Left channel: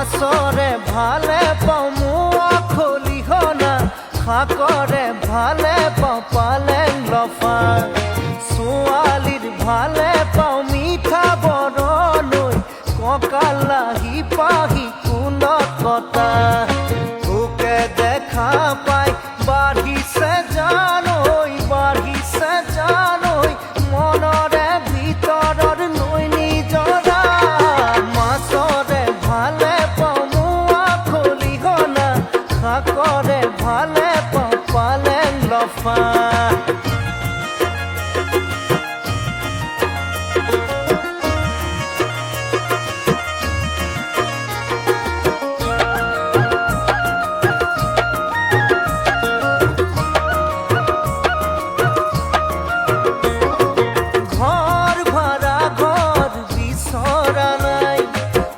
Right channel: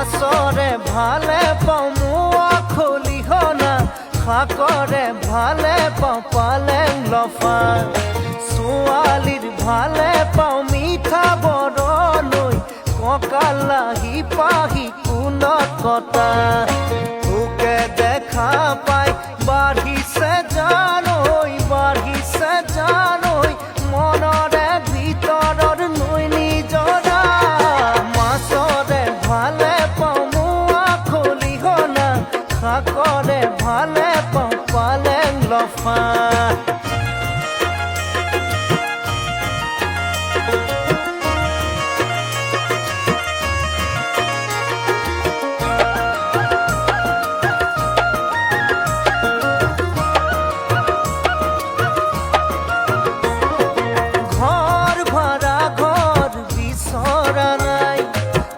মাছৰে ভালে পাওঁ মোৱা খলিহনা শাকৰে ভালে পাওঁ পালেং লফা ছোৱালীৰ ভালে পাওঁ মিঠা বৰণৈ কঁকালাহি পাহি কুলত কটা তোকে দেখা পাই বাঢ়িছে জানৈ মনৰে ভিতৰৰ নৈ নিজৰা মাছৰে ভালে পাওঁ মোৱা খলিহনা শাকৰে ভালে পাওঁ পালেং লফা